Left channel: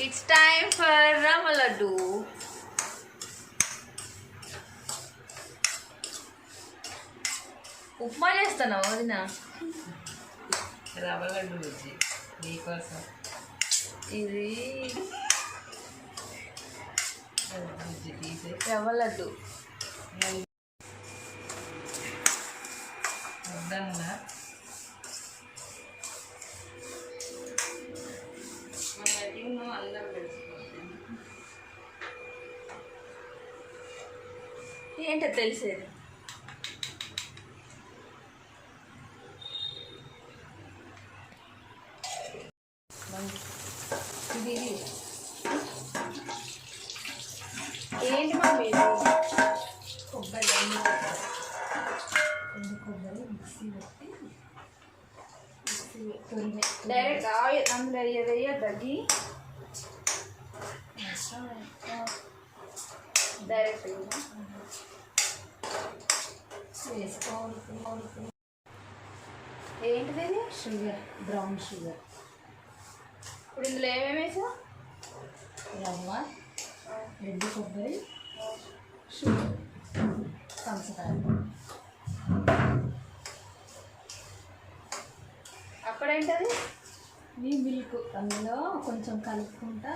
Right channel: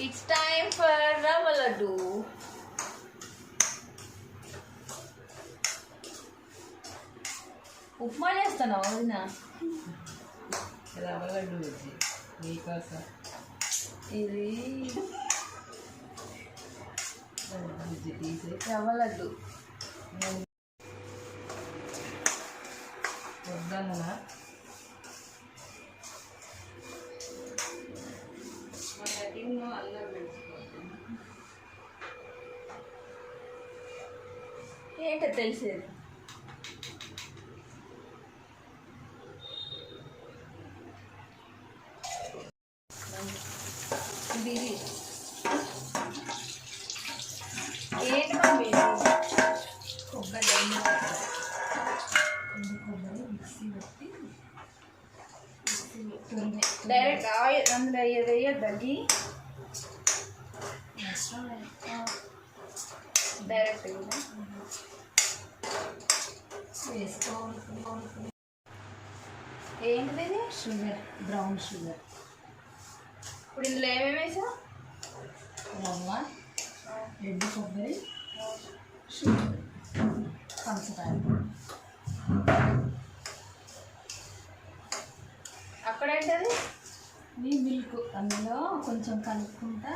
It's time for Rava Laddu. Upma చేస్తాను వదిన. రవ్వ లడ్డు వచ్చి మీకోసం ఇది తీసి రవ్వ లడ్డు వద్దన్నా అల్లం ఏంటో తెలిసేది. ఏంటి మమ్మీ కొబ్బరి మిక్సీ పెట్టి డైరెక్ట్ ఆయిల్ అందులో వేయద్దండి. డైరెక్ట్ వేసుకోవాలి. ఏంటిది? Sugar, brown sugar. ఇప్పుడు ఇందులో ఏమేమి వేసా? రవ్వ, ఎండు కొబ్బరి, షుగర్, పంచదార. అక్కడ ఏంటది? మీ మిల్క్ అందులో కొంచెం కలుపుకుంటా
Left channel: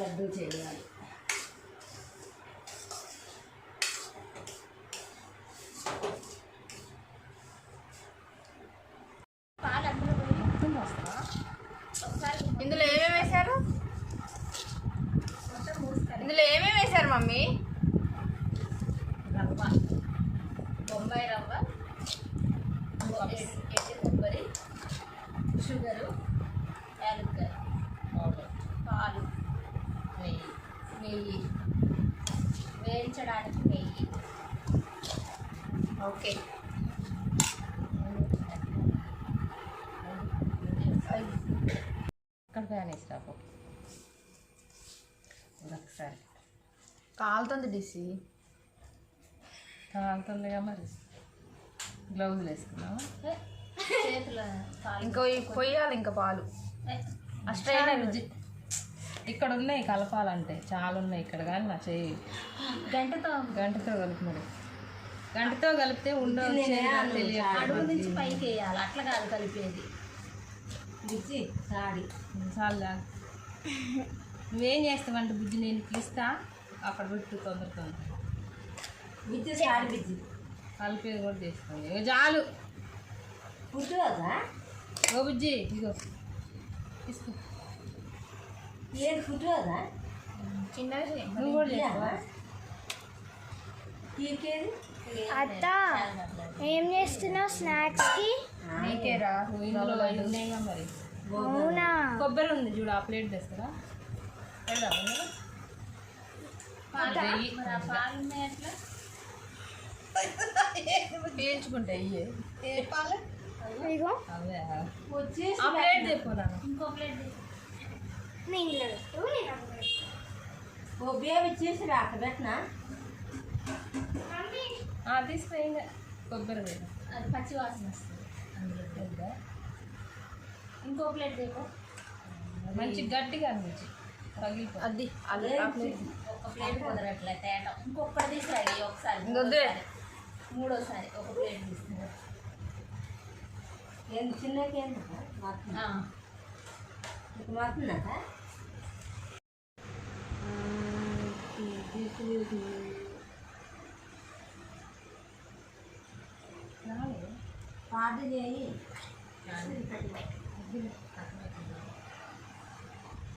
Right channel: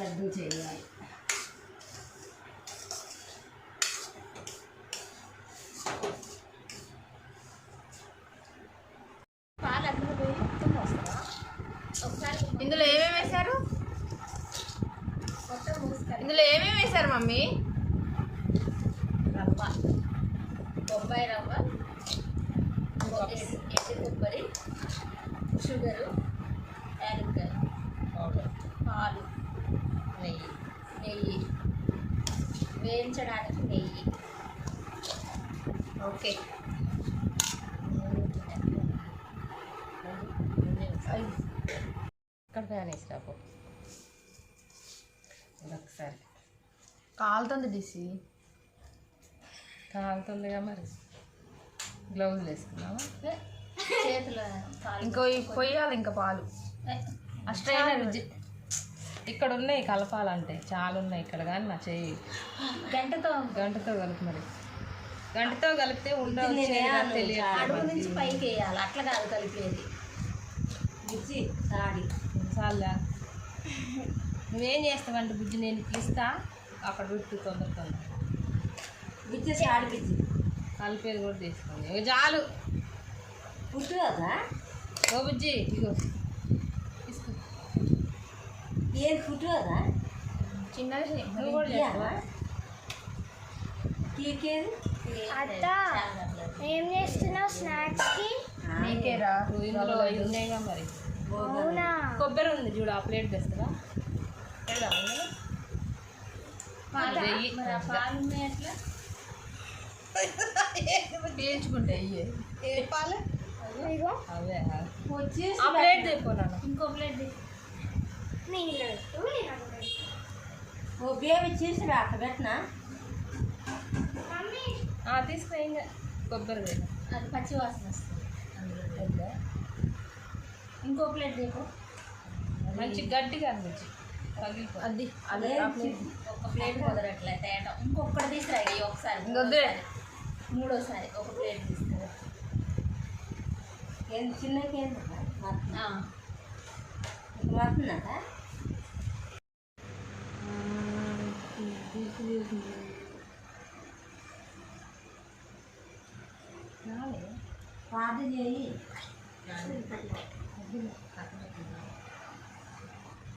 లడ్డు చేయాలి. ఇందులో ఏమేమి వేశారు? ఇందులో ఏమేమి వేశారు మమ్మీ? రవ్వ, బొంబాయి రవ్వ, ఎండు కొబ్బరి, షుగరు, యాలక్కాయ పౌడర్, పాలు, నెయ్యి, నెయ్యి, వేయించడానికి నెయ్యి. ఓకే. ఇక్కడ ఫ్యాన్ వేస్తాపు ఒకసారి కాలుతుంది డిసి. కాలుతుండగా మరి గ్లౌజులు వేసుకున్నాం. చేతులు ఇంకో పొయ్యాలి. ఇంకా పాలు స్ట్రైనర్ ఇక్కడ ఉన్నాయి కలపాలంటే చాలా ఉన్నాయి ఇక్కడ, కానీ మా చేయి గంటతో కలిపి మరి గంటతో కలిపితే అడుగు నుంచి పైకి వేయాలి. అట్లా కాదు కలిపేది. బుజ్జి సాడి చాలా నువ్వేం చేస్తావంటే బుజ్జి నేను ఇస్తా అక్కడ పెట్టు తొందరగా. బుజ్జి సాడి బుజ్జి కలిపేది కూడా తీసుకోండి చాలు. పుట్టు కదా ఓ బుజ్జి ఇగో తీసుకో. ఏది పుట్టు కదా చిన్నది నువ్వు కూడా చేసుకో. అత్త ఏం చేస్తున్నావు స్నాక్స్కి? నీకేరా ఇందులో ఉన్నాయిగా మరి. అవునా? కొబ్బరి ఉంది చూడు, ఆ ప్లేట్ తెస్తారా? పీల్చుకుంటే ఇగో అదే ఆ ప్లేట్ తెపోనా. ఇంకో ప్లేట్ నీళ్ళు పెట్టు. బియ్యం ఇచ్చేసి అక్కడ పెట్టినా మమ్మీ తీసుకుని కొబ్బరి అది పచ్చి వాసన వస్తుంది. అందులో ఇంకో ప్లేట్ దేపో. మంచి గట్టిగా అనిపించి పగిలిపో. అది ఒక ప్లేట్ కుదరట్లే తేడా. ఇంకొకటి తీసుకురా ఒకసారి, మూడోసారి ఒక ప్లేట్ తీసుకురా. ఏంది చిన్నకి ఏంటి వస్తుందా? పాట చేయి.